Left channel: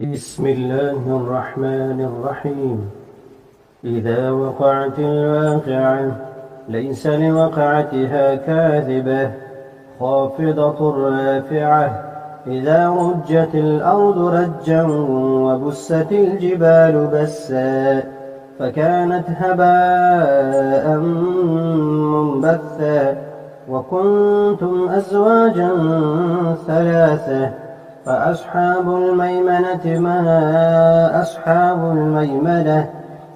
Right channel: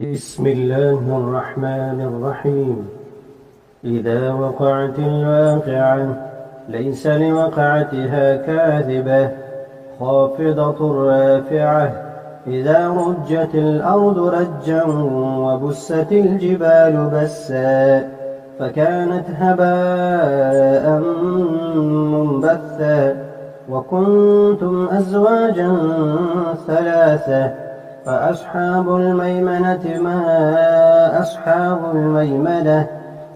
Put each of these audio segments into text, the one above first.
بسم الله الرحمن الرحيم. إذا وقعت الواقعة ليس لوقعتها كاذبة خافضة رافعة. إذا رجت الأرض رجا وبست الجبال بسا فكانت هباء منبثا وكنتم أزواجا ثلاثة فأصحاب الميمنة ما أصحاب الميمنة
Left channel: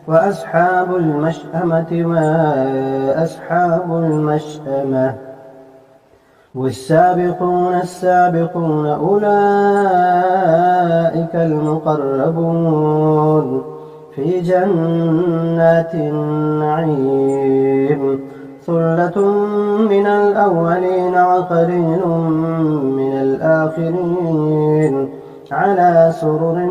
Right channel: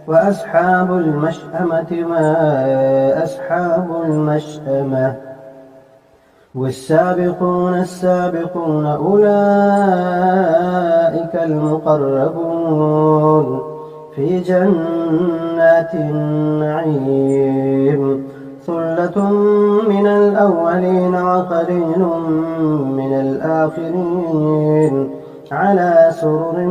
وأصحاب المشأمة ما أصحاب المشأمة والسابقون السابقون أولئك المقربون في جنات النعيم ثلة من الأولين وقليل من الآخرين على سرر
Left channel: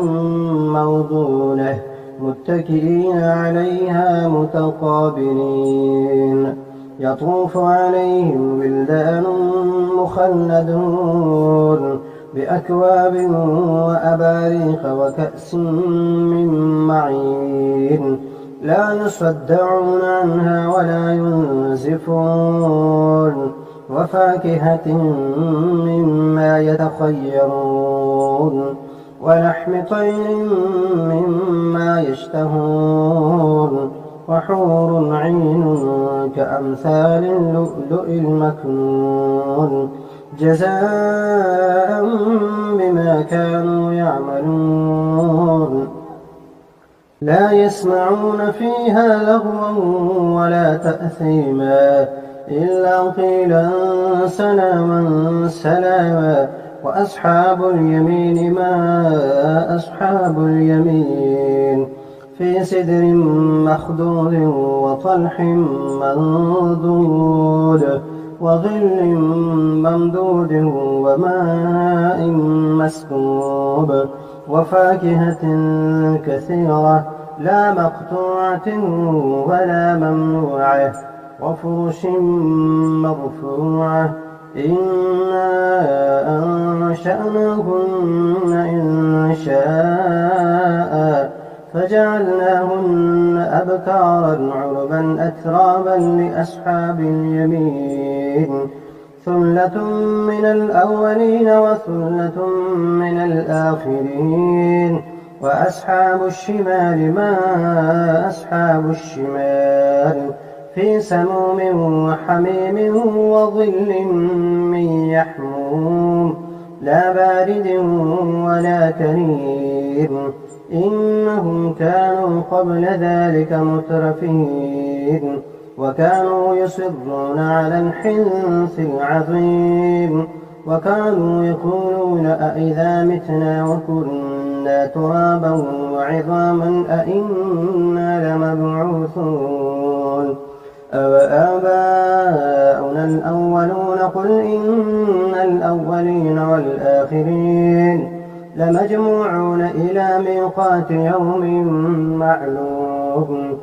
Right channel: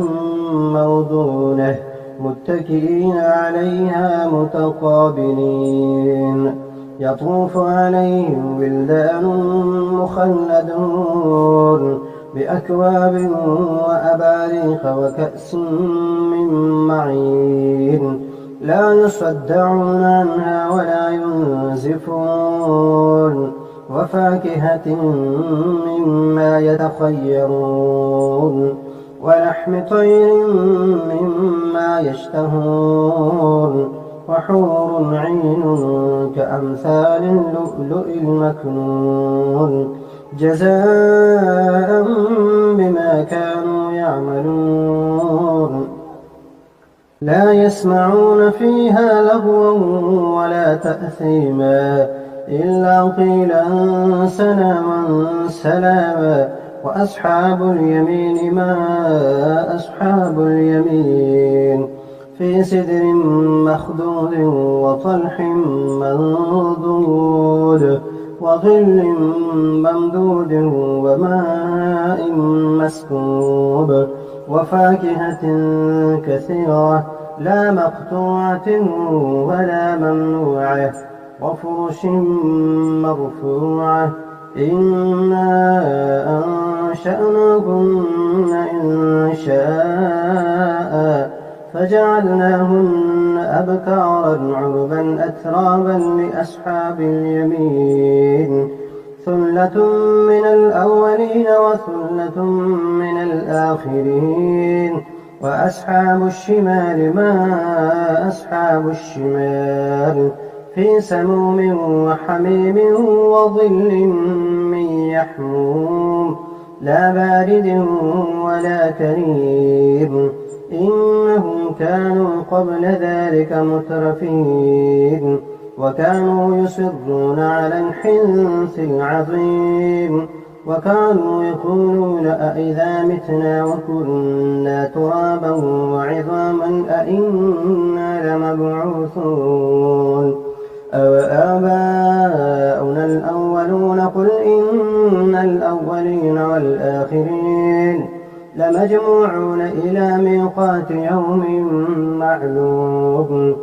موضونة متكئين عليها متقابلين يطوف عليهم ولدان مخلدون بأكواب وأباريق وكأس من معين لا يصدعون عنها ولا ينزفون وفاكهة مما يتخيرون ولحم طير مما يشتهون وحور عين كأمثال اللؤلؤ المكنون جزاء بما كانوا يعملون لا يسمعون فيها لغوا ولا تأثيما إلا قيلا سلاما سلاما وأصحاب اليمين ما أصحاب اليمين في سدر مخضود وطلح منضود وظل ممدود وماء مسكوب وفاكهة كثيرة لا مقطوعة ولا ممنوعة وفرش مرفوعة إنا أنشأناهن إن شاء فجعلناهن أبكارا عربا أترابا لأصحاب اليمين ثلة من الأولين وثلة من الآخرين وأصحاب الشمال ما أصحاب الشمال في سموم وحميم وظل من يحموم لا بارد ولا كريم إنهم كانوا قبل ذلك مترفين وكانوا يصرون على الحنث العظيم وكانوا يقولون أئذا متنا وكنا ترابا وعظاما أئنا لمبعوثون أوآباؤنا الأولون قل إن الأولين والآخرين لمجموعون إلى ميقات يوم معلوم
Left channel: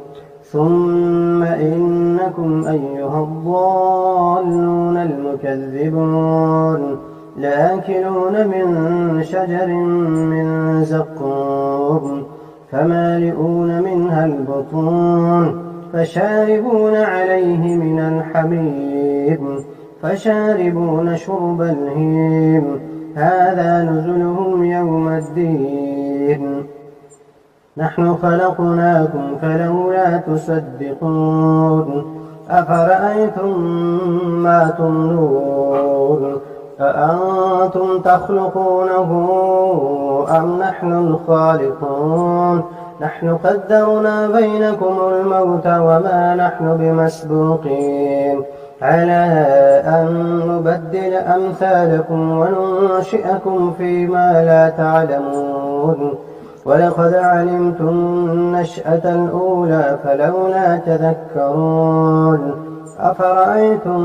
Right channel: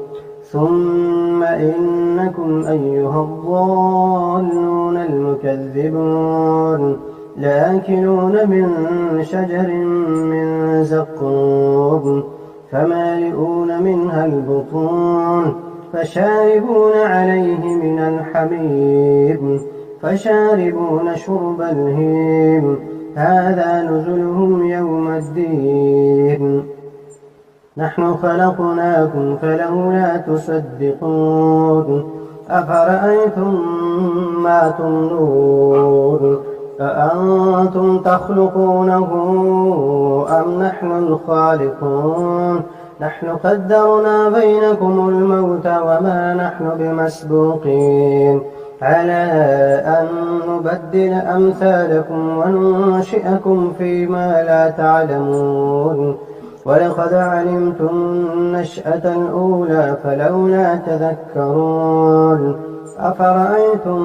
ثم إنكم أيها الضالون المكذبون لآكلون من شجر من زقوم فمالئون منها البطون فشاربون عليه من الحميم فشاربون شرب الهيم هذا نزلهم يوم الدين نحن خلقناكم فلولا تصدقون أفرأيتم ما تمنون أأنتم تخلقونه أم نحن الخالقون نحن قدرنا بينكم الموت وما نحن بمسبوقين على أن نبدل أمثالكم وننشئكم فيما لا تعلمون ولقد علمتم النشأة الأولى فلولا تذكرون أفرأيتم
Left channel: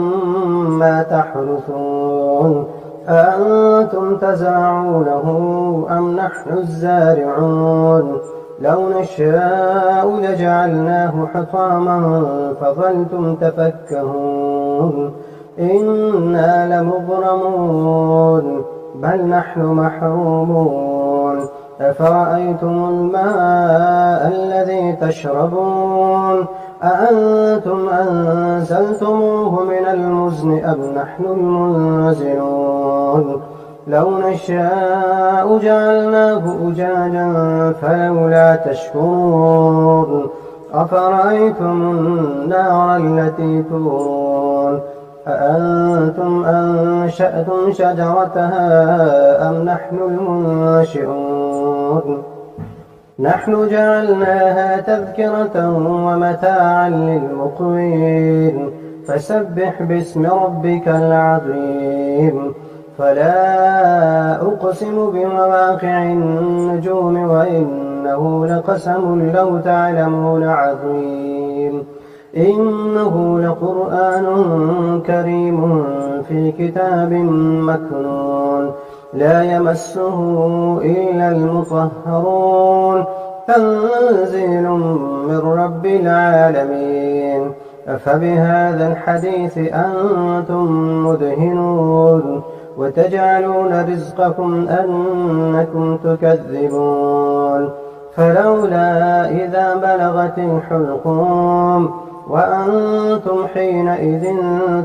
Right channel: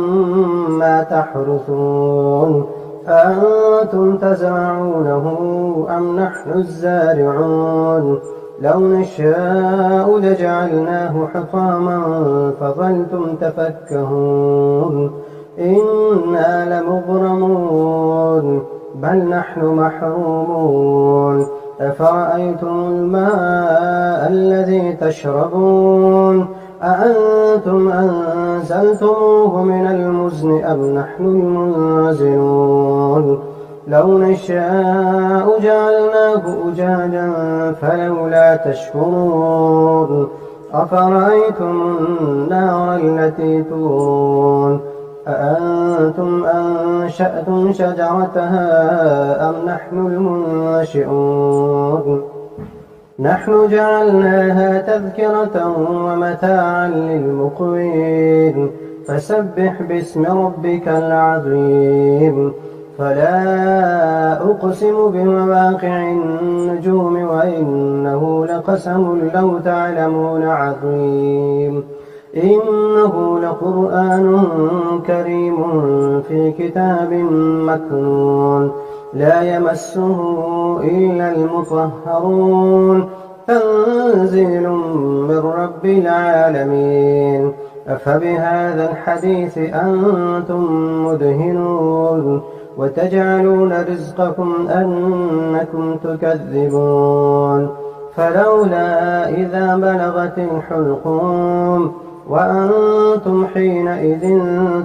ما تحرثون أأنتم تزرعونه أم نحن الزارعون لو نشاء لجعلناه حطاما فظلتم تفكهون إنا لمغرمون بل نحن محرومون أفرأيتم الماء الذي تشربون أأنتم أنزلتموه من المزن أم نحن المنزلون لو نشاء جعلناه أجاجا فلولا تشكرون أفرأيتم النار التي تورون أأنتم أنشأتم شجرتها أم نحن المنشئون نحن جعلناها تذكرة ومتاعا للمقوين فسبح باسم ربك العظيم فلا أقسم بمواقع النجوم وإنه لقسم لو تعلمون عظيم إنه لقرآن كريم في كتاب مكنون لا يمسه إلا المطهرون تنزيل من رب العالمين أفبهذا الحديث أنتم مدهنون وتجعلون رزقكم أنكم تكذبون فلولا إذا بلغت الحلقوم وأنتم حينئذ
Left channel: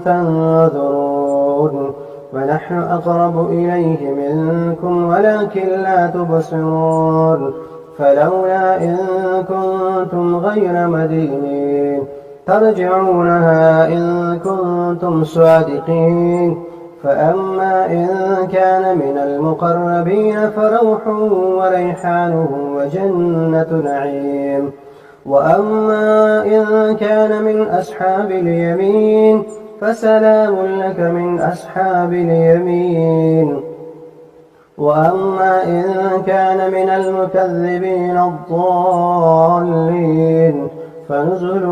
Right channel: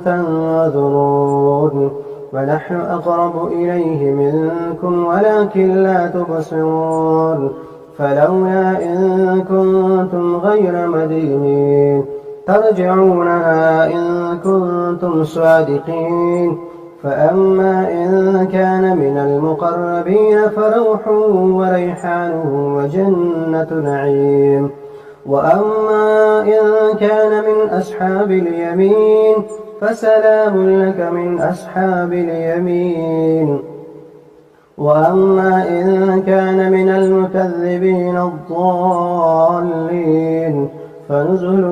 تنظرون ونحن أقرب إليه منكم ولكن لا تبصرون فلولا إن كنتم غير مدينين ترجعونها إن كنتم صادقين فأما إن كان من المقربين فروح وريحان وجنة نعيم وأما إن كان من أصحاب اليمين فسلام لك من أصحاب اليمين وأما إن كان من المكذبين الضالين فنزل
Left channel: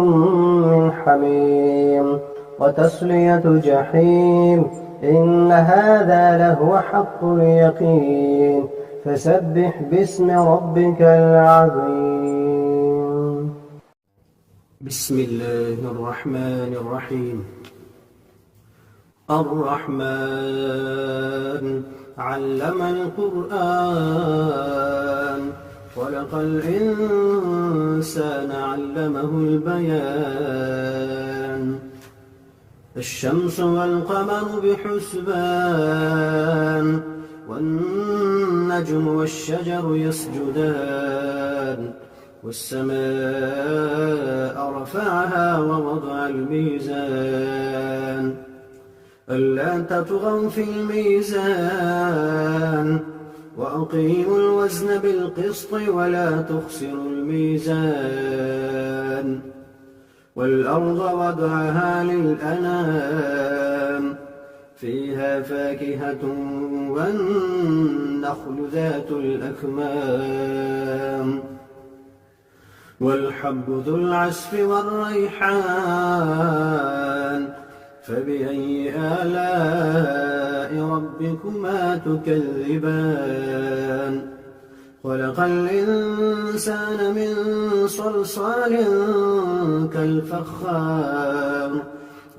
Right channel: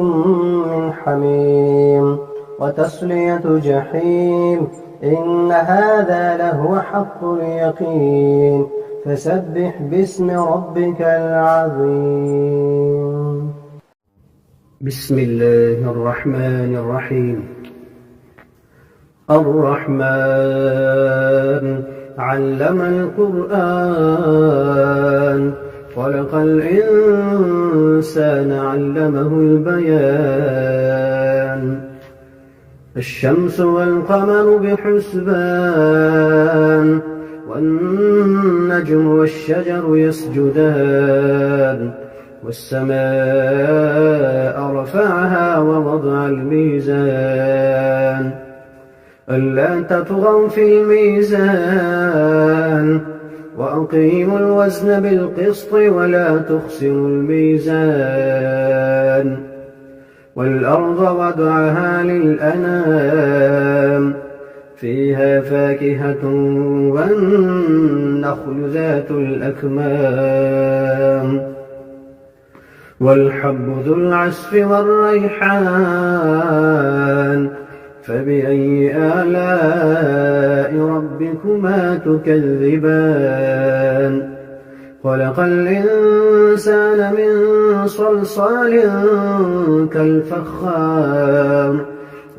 من حميم وتصلية جحيم إن هذا لهو حق اليقين فسبح باسم ربك العظيم بسم الله الرحمن الرحيم الرحمن علم القرآن خلق الإنسان علمه البيان الشمس والقمر بحسبان والنجم والشجر يسجدان والسماء رفعها ووضع الميزان ألا تطغوا في الميزان وأقيموا الوزن بالقسط ولا تخسروا الميزان والأرض وضعها للأنام فيها فاكهة والنخل ذات الأكمام والحب ذو العصف والريحان فبأي آلاء ربكما تكذبان خلق الإنسان من صلصال كالفخار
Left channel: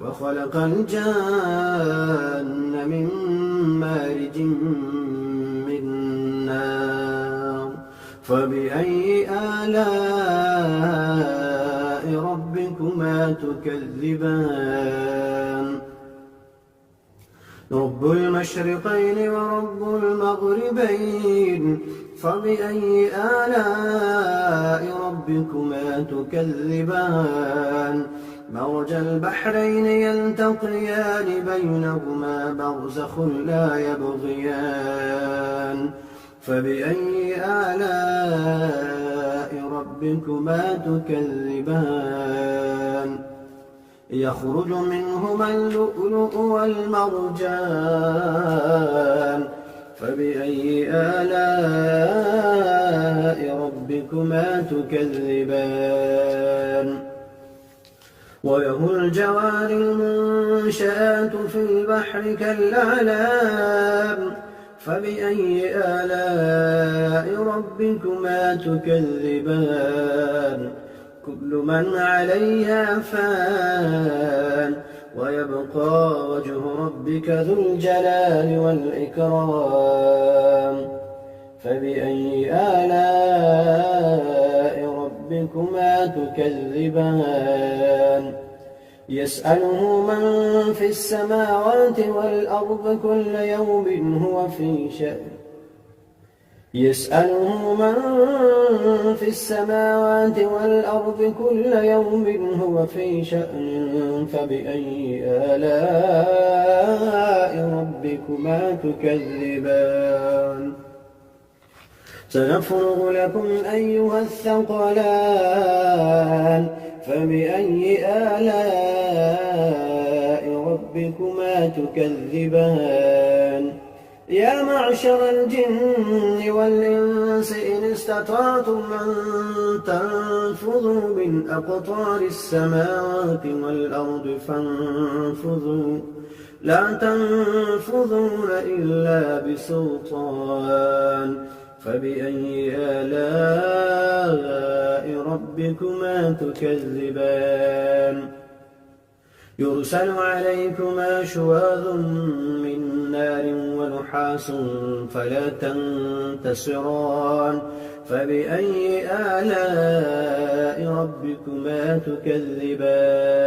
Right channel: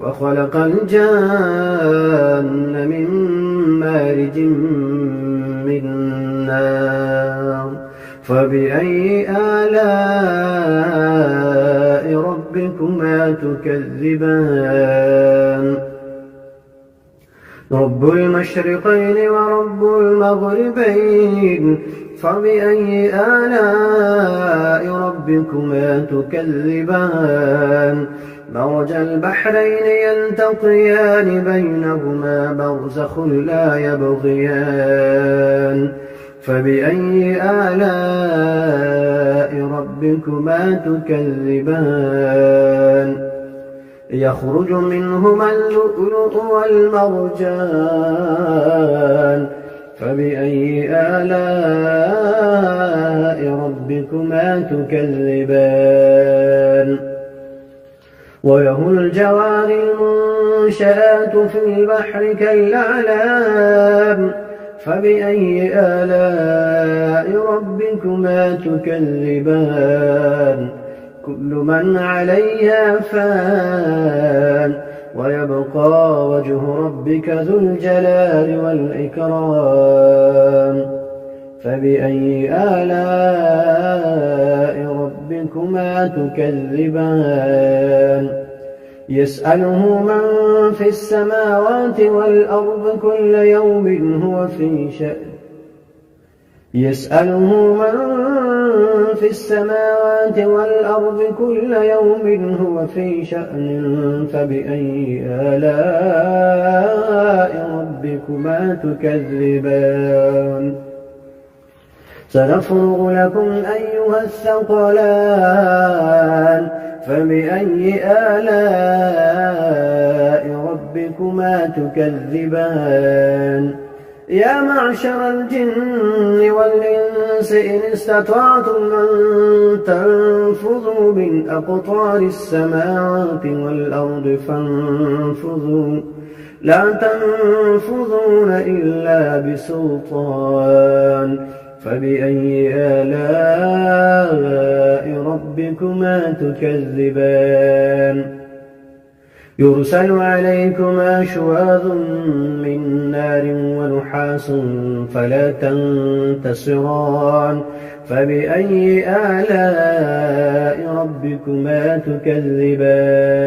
وخلق الجان من مارج من نار فبأي آلاء ربكما تكذبان رب المشرقين ورب المغربين فبأي آلاء ربكما تكذبان مرج البحرين يلتقيان بينهما برزخ لا يبغيان فبأي آلاء ربكما تكذبان يخرج منهما اللؤلؤ والمرجان فبأي آلاء ربكما تكذبان وله الجوار المنشآت في البحر كالأعلام فبأي آلاء ربكما تكذبان كل من عليها فان ويبقى وجه ربك ذو الجلال والإكرام فبأي آلاء ربكما تكذبان يسأله من في السماوات والأرض كل يوم هو في شأن يسأله من في السماوات والأرض كل يوم هو في شأن فبأي آلاء ربكما تكذبان سنفرغ لكم أيها الثقلان فبأي آلاء ربكما تكذبان يا معشر الجن والإنس إن استطعتم أن تنفذوا من أقطار السماوات والأرض فانفذوا لا تنفذون إلا بسلطان فبأي آلاء ربكما تكذبان يرسل عليكما شواظ من نار ونحاس فلا تنتصران فبأي آلاء ربكما تكذبان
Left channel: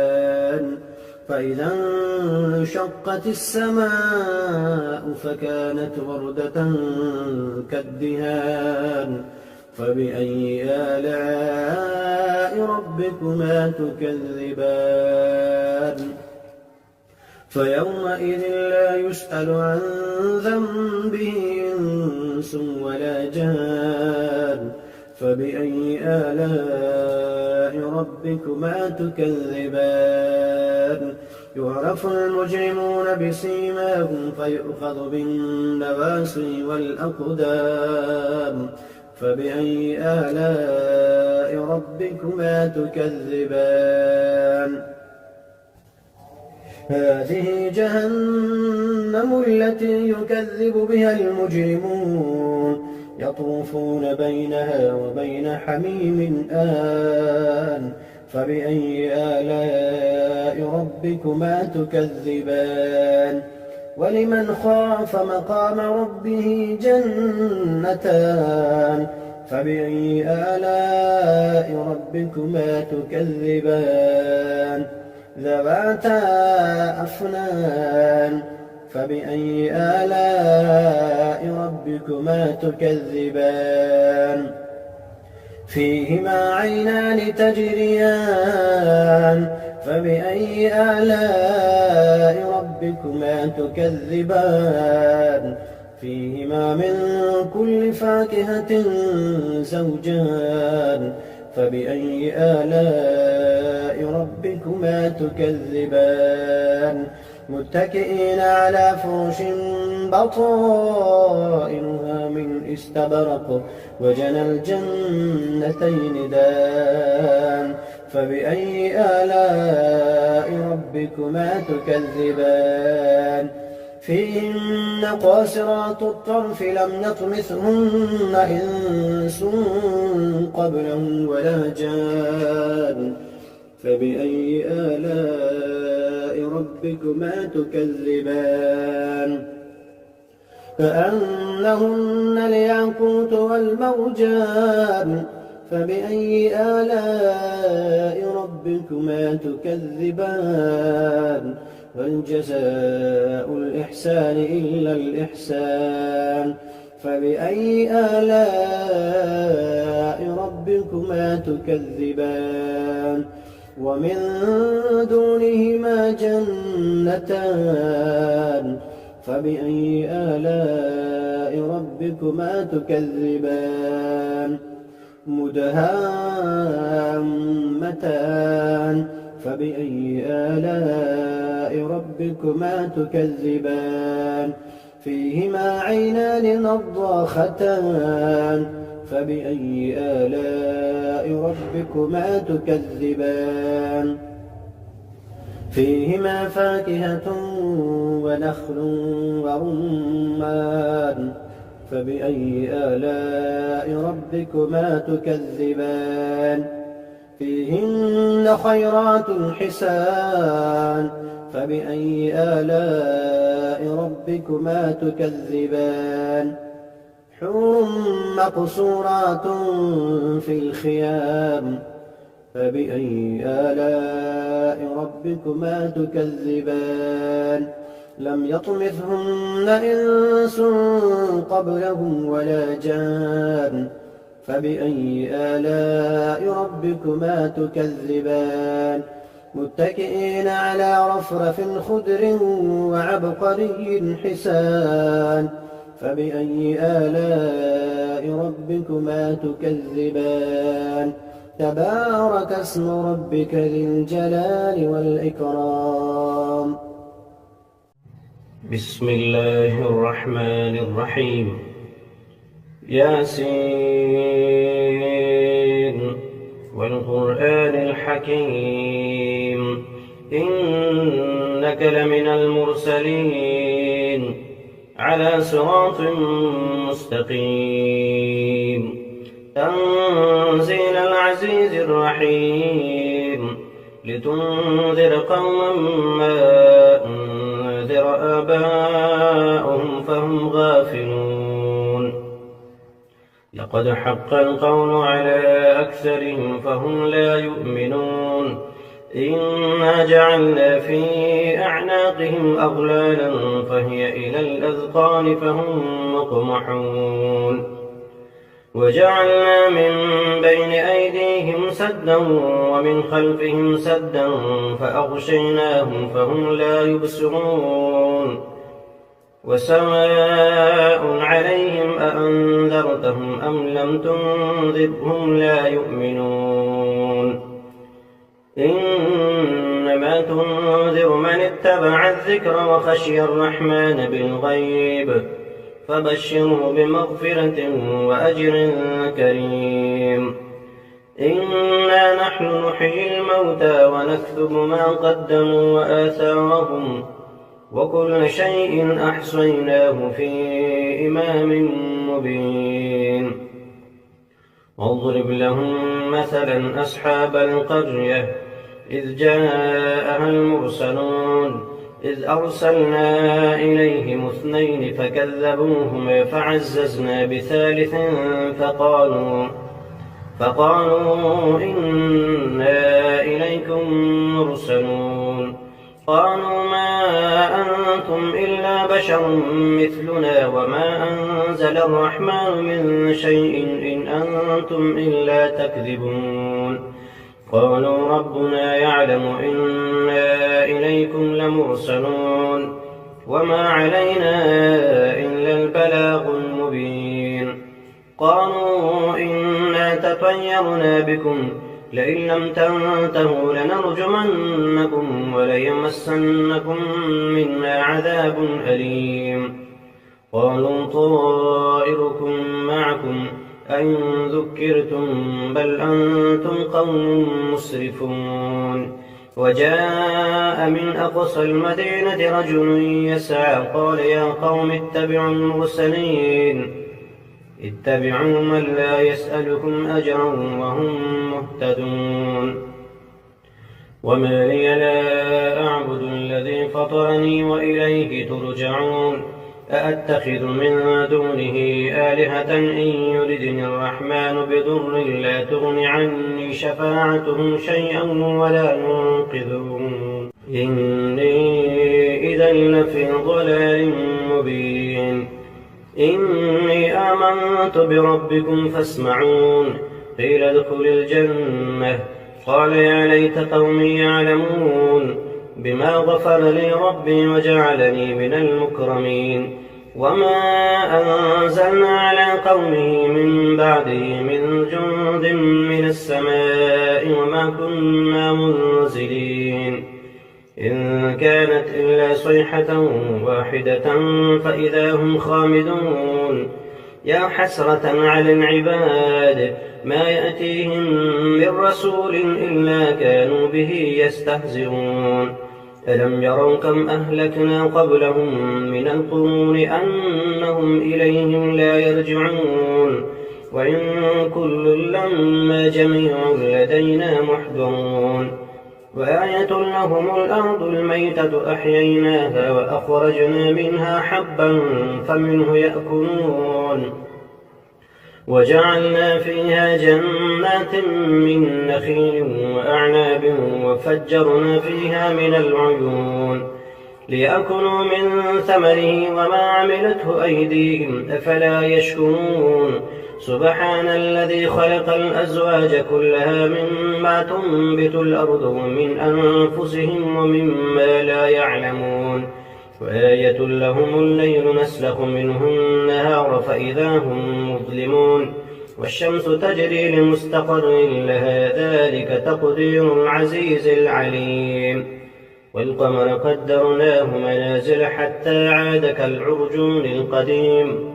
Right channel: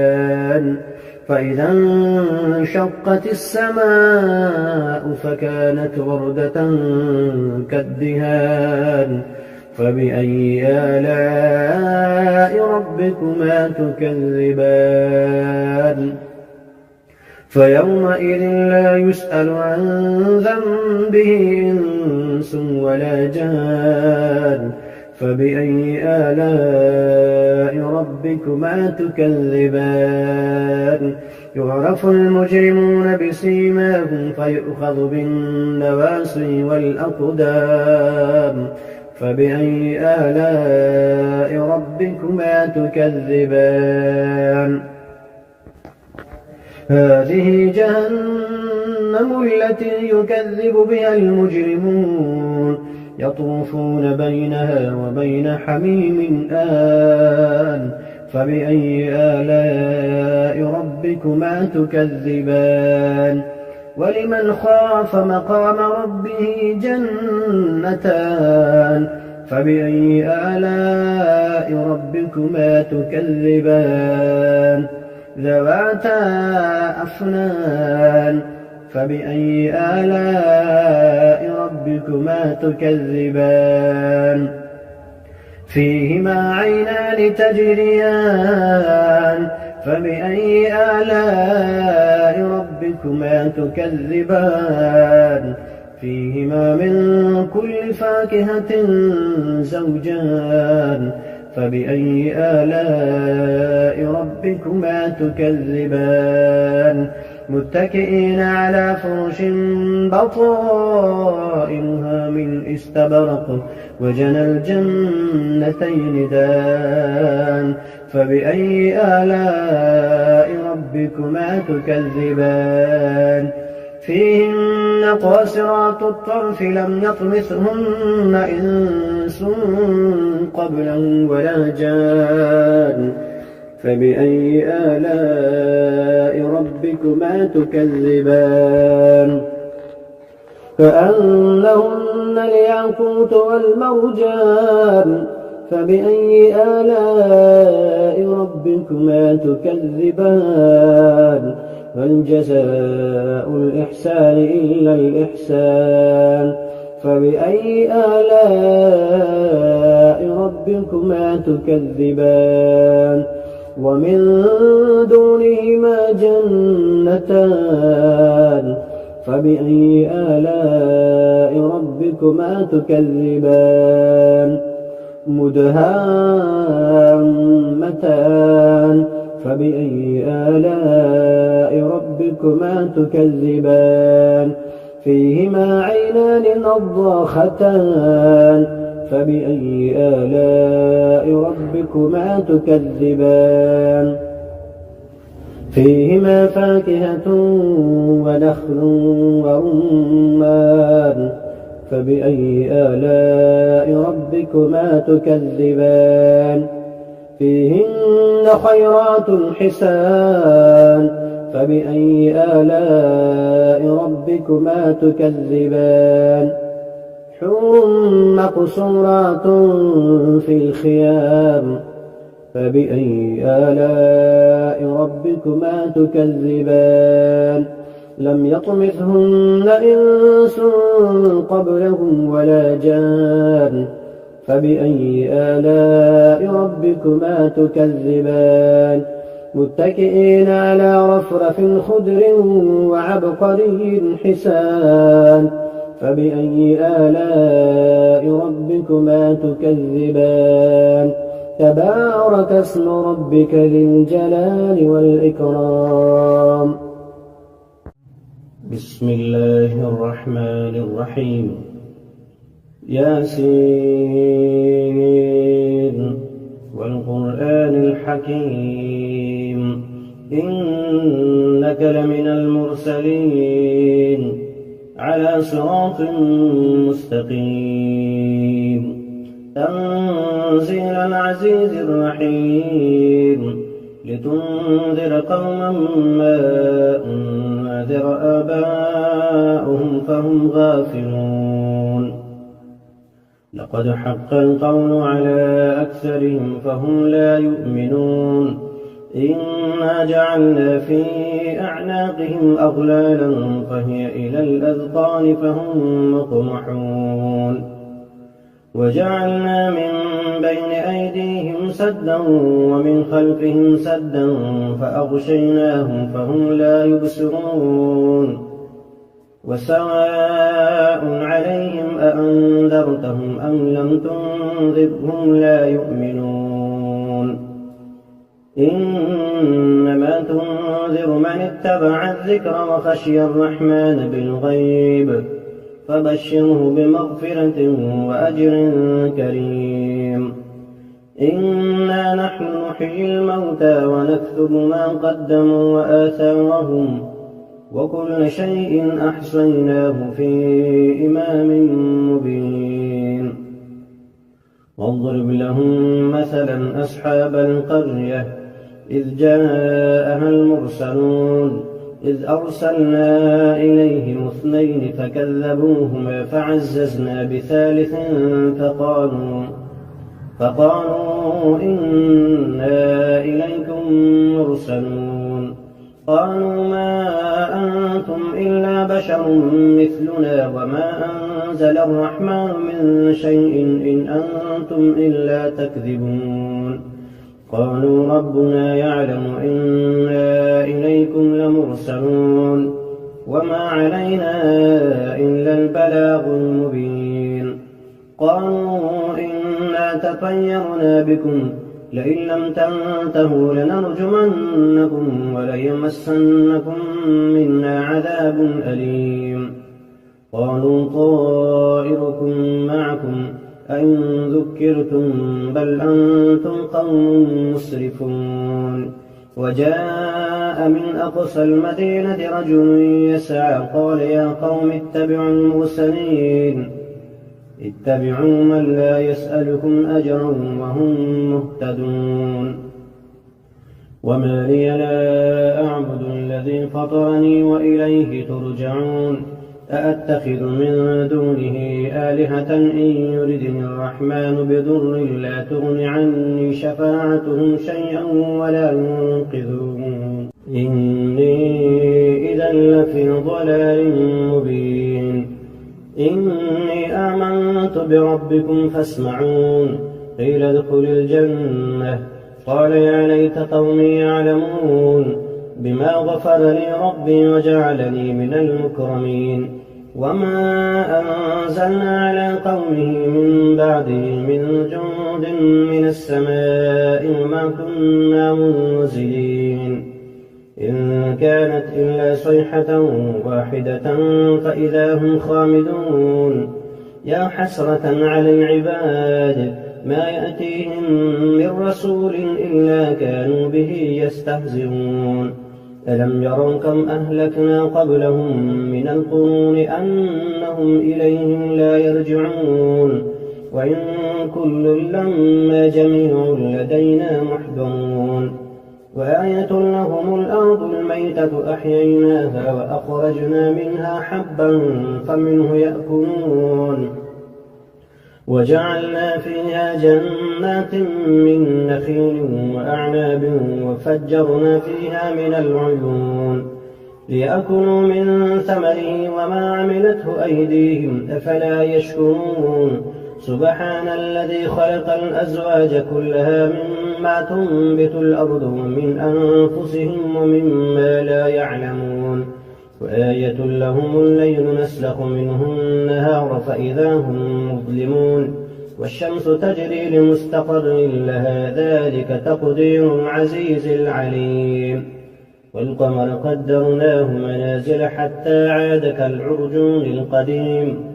فإذا انشقت السماء فكانت وردة كالدهان فبأي آلاء ربكما تكذبان فيومئذ لا يسأل عن ذنبه إنس ولا جان فبأي آلاء ربكما تكذبان يعرف المجرمون بسيماهم فيؤخذ بالنواصي والأقدام فبأي آلاء ربكما تكذبان هذه جهنم التي يكذب بها المجرمون يطوفون بينها وبين حميم آن فبأي آلاء ربكما تكذبان ولمن خاف مقام ربه جنتان فبأي آلاء ربكما تكذبان ذواتا أفنان فبأي آلاء ربكما تكذبان فيهما عينان تجريان فبأي آلاء ربكما تكذبان فيهما من كل فاكهة زوجان فبأي آلاء ربكما تكذبان متكئين على فرش بطائنها من استبرق وجنى الجنتين دان فبأي آلاء ربكما تكذبان فيهن قاصرات الطرف لم يطمثهن إنس قبلهم ولا جان فبأي آلاء ربكما تكذبان كأنهن الياقوت والمرجان فبأي آلاء ربكما تكذبان هل جزاء الإحسان إلا الإحسان فبأي آلاء ربكما تكذبان ومن دونهما جنتان فبأي آلاء ربكما تكذبان مدهامتان فبأي آلاء ربكما تكذبان فيهما عينان نضاختان فبأي آلاء ربكما تكذبان فيهما فاكهة ونخل ورمان فبأي آلاء ربكما تكذبان فيهن خيرات حسان فبأي آلاء ربكما تكذبان حور مقصورات في الخيام فبأي آلاء ربكما تكذبان لم يطمثهن إنس قبلهم ولا جان فبأي آلاء ربكما تكذبان متكئين على رفرف خضر وعبقري حسان فبأي آلاء ربكما تكذبان تبارك اسم ربك ذي الجلال والإكرام بسم الله الرحمن الرحيم ياسين والقرآن الحكيم إنك لمن المرسلين على صراط مستقيم تنزيل العزيز الرحيم لتنذر قوما ما أنذر آباؤهم فهم غافلون لقد حق القول على أكثرهم فهم لا يؤمنون إنا جعلنا في أعناقهم أغلالا فهي إلى الأذقان فهم مقمحون وجعلنا من بين أيديهم سدا ومن خلفهم سدا فأغشيناهم فهم لا يبصرون وسواء عليهم أأنذرتهم أم لم تنذرهم لا يؤمنون إنما تنذر من اتبع الذكر وخشي الرحمن بالغيب فبشره بمغفرة وأجر كريم إنا نحن نحيي الموتى ونكتب ما قدموا وآثارهم وكل شيء أحصيناه في إمام مبين واضرب لهم مثلا أصحاب القرية إذ جاءها المرسلون إذ أرسلنا إليهم 2 فكذبوهما فعززنا بثالث فقالوا إنا إليكم مرسلون قالوا ما أنتم إلا بشر مثلنا وما أنزل الرحمن من شيء إن أنتم إلا تكذبون قالوا ربنا يعلم إنا إليكم لمرسلون وما علينا إلا البلاغ المبين قالوا إنا تطيرنا بكم لئن لم تنتهوا لنرجمنكم وليمسنكم منا عذاب أليم قالوا طائركم معكم أئن ذكرتم بل أنتم قوم مسرفون وجاء من أقصى المدينة رجل يسعى قال يا قوم اتبعوا المرسلين اتبعوا من لا يسألكم أجرا وهم مهتدون وما لي لا أعبد الذي فطرني وإليه ترجعون أأتخذ من دونه آلهة إن يردني الرحمن بضر لا تغن عني شفاعتهم شيئا ولا ينقذون إني إذا لفي ضلال مبين إني آمنت بربكم فاسمعون قيل ادخل الجنة قال يا ليت قومي يعلمون بما غفر لي ربي وجعلني من المكرمين وما أنزلنا على قومه من بعده من جند من السماء وما كنا منزلين إن كانت إلا صيحة واحدة فإذا هم خامدون يا حسرة على العباد ما يأتيهم من رسول إلا كانوا به يستهزئون ألم يروا كم أهلكنا قبلهم من القرون أنهم إليهم لا يرجعون وإن كل لما جميع لدينا محضرون وآية لهم الأرض الميتة أحييناها وأخرجنا منها حبا فمنه يأكلون وجعلنا فيها جنات من نخيل وأعناب وفجرنا فيها من العيون ليأكلوا من ثمره وما عملته أيديهم أفلا يشكرون سبحان الذي خلق الأزواج كلها مما تنبت الأرض ومن أنفسهم ومما لا يعلمون وآية لهم الليل نسلخ منه النهار فإذا هم مظلمون والشمس تجري لمستقر لها ذلك تقدير العزيز العليم والقمر قدرناه منازل حتى عاد كالعرجون القديم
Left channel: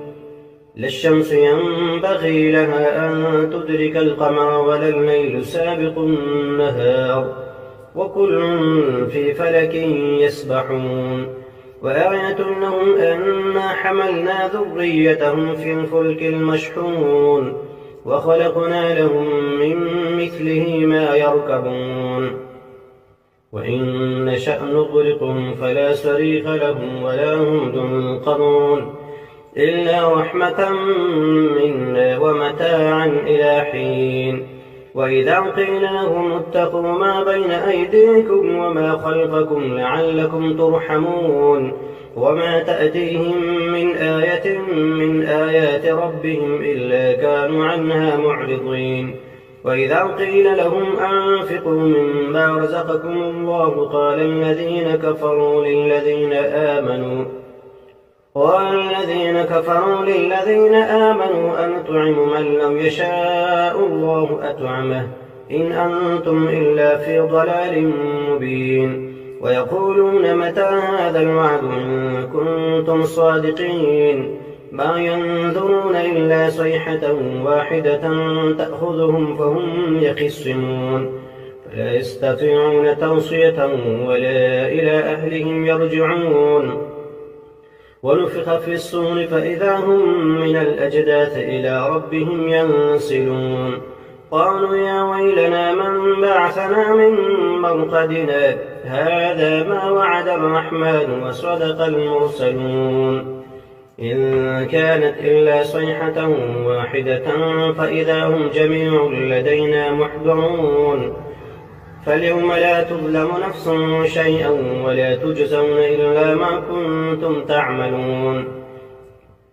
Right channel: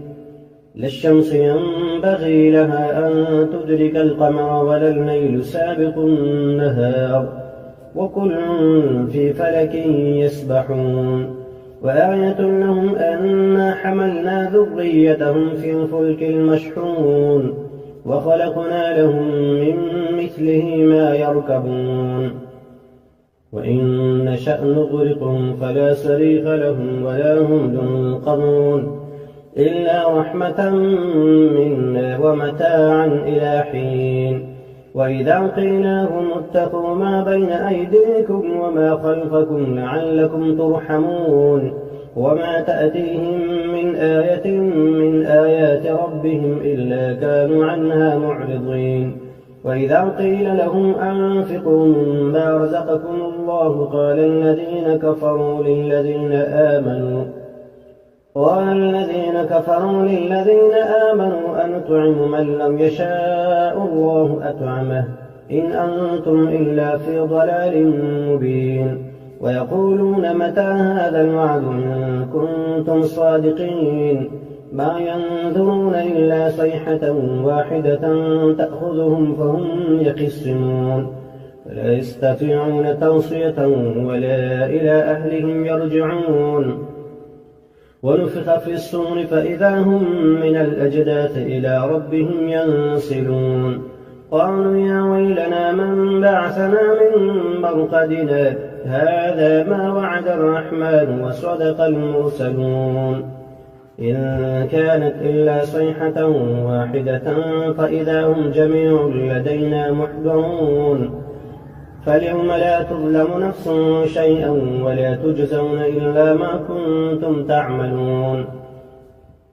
لا الشمس ينبغي لها أن تدرك القمر ولا الليل سابق النهار وكل في فلك يسبحون وآية لهم أنا حملنا ذريتهم في الفلك المشحون وخلقنا لهم من مثله ما يركبون وإن نشأ نغرقهم فلا صريخ لهم ولا هم ينقذون إلا رحمة منا ومتاعا إلى حين وإذا قيل لهم اتقوا ما بين أيديكم وما خلفكم لعلكم ترحمون وما تأتيهم من آية من آيات ربهم إلا كانوا عنها معرضين وإذا قيل لهم أنفقوا مما رزقكم الله قال الذين كفروا للذين آمنوا أنطعم من لم يشاء الله أطعمه إن أنتم إلا في ضلال مبين ويقولون متى هذا الوعد إن كنتم صادقين ما ينظرون إلا صيحة واحدة تأخذهم فهم يخصمون فلا يستطيعون توصية ولا إلى أهلهم يرجعون ونفخ في الصور فإذا هم من الأجداث إلى ربهم ينسلون قالوا يا ويلنا من بعثنا من مرقدنا هذا ما وعد الرحمن وصدق المرسلون إن كانت إلا صيحة واحدة فإذا هم جميع لدينا محضرون فاليوم لا تظلم نفس شيئا ولا تجزون إلا ما كنتم تعملون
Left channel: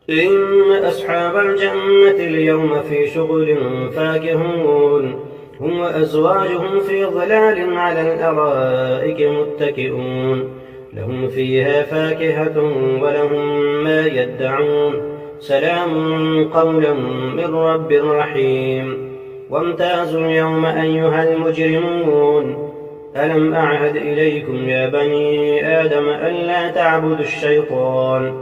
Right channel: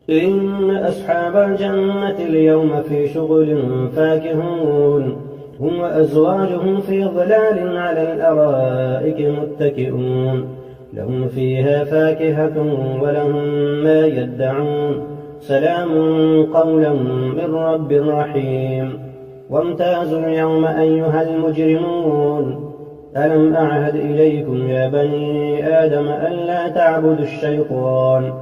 إن أصحاب الجنة اليوم في شغل فاكهون هم وأزواجهم في ظلال على الأرائك متكئون لهم فيها فاكهة ولهم ما يدعون سلام قولا من رب رحيم وامتازوا اليوم أيها المجرمون ألم أعهد إليكم يا بني آدم ألا تعبدوا الشيطان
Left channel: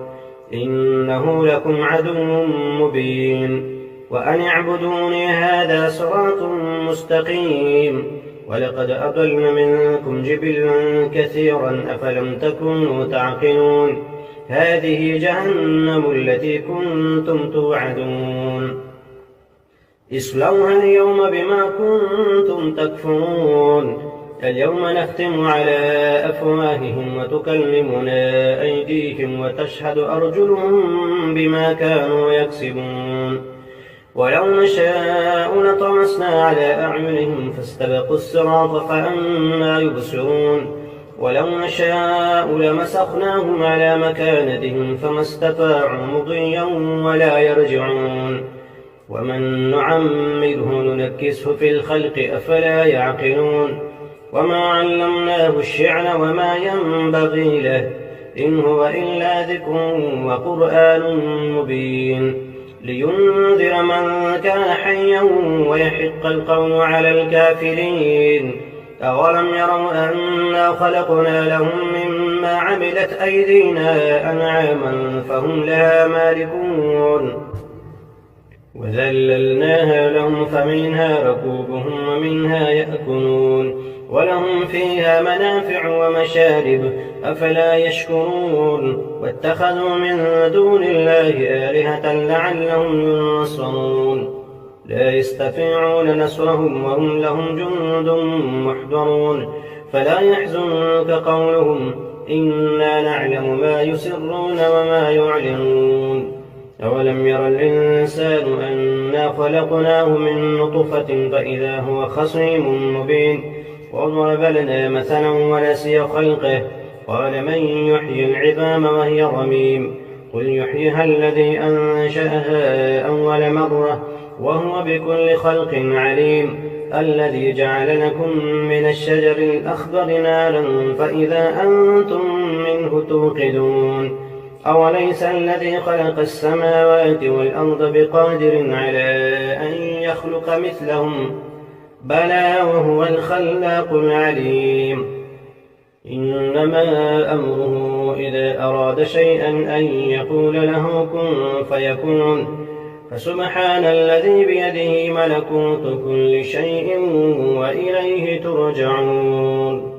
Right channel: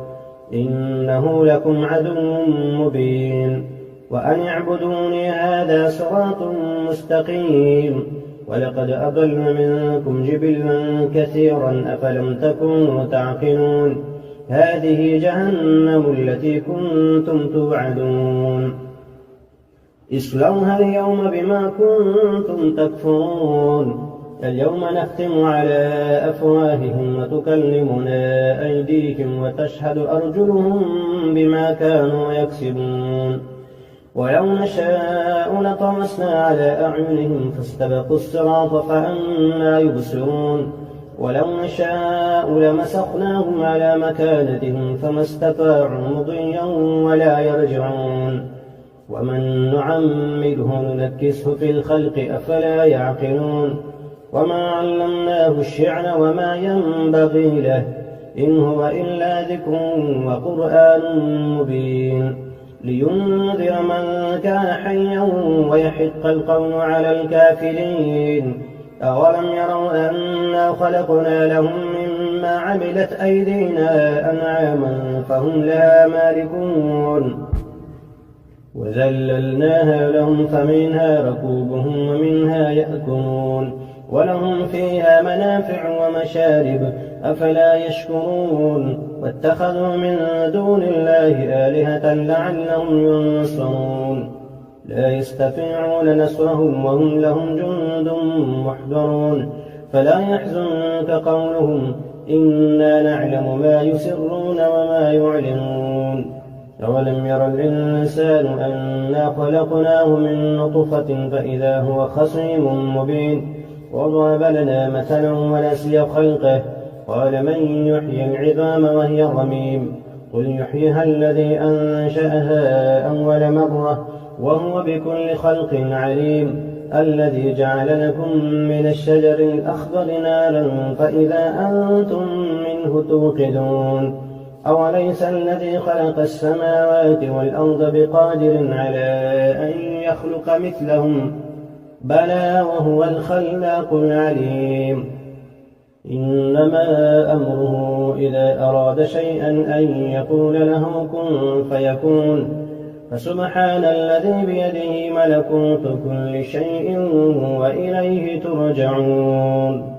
إنه لكم عدو مبين وأن اعبدوني هذا صراط مستقيم ولقد أضل منكم جبلا كثيرا أفلم تكونوا تعقلون هذه جهنم التي كنتم توعدون اصلوها اليوم بما كنتم تكفرون اليوم نختم على أفواههم وتكلمنا أيديهم وتشهد أرجلهم بما كانوا يكسبون ولو نشاء لطمسنا على أعينهم فاستبقوا الصراط فأنى يبصرون ولو نشاء لمسخناهم على مكانتهم فما استطاعوا مضيا ولا يرجعون ومن نعمره ننكسه في الخلق أفلا يعقلون وما علمناه الشعر وما ينبغي له إن هو إلا ذكر وقرآن مبين لينذر من كان حيا ويحق القول على الكافرين أولم يروا أنا خلقنا لهم مما عملت أيدينا أنعاما فهم لها مالكون وذللناها لهم فمنها ركوبهم ومنها يأكلون ولهم فيها منافع ومشارب أفلا يشكرون واتخذوا من دون الله آلهة لعلهم ينصرون لا يستطيعون نصرهم وهم لهم جند محضرون فلا يحزنك قولهم إنا نعلم ما يسرون وما يعلنون أولم ير الإنسان أنا خلقناه من نطفة فإذا هو خصيم مبين وضرب لنا مثلا ونسي خلقه قال من يحيي العظام وهي رميم قل يحييها الذي أنشأها أول مرة وهو بكل خلق عليم الذي جعل لكم من الشجر الأخضر نارا فإذا أنتم منه توقدون أوليس الذي خلق السماوات والأرض بقادر على أن يخلق مثلهم بلى وهو الخلاق العليم إنما أمره إذا أراد شيئا أن يقول له كن فيكون فسبحان الذي بيده ملكوت كل شيء وإليه ترجعون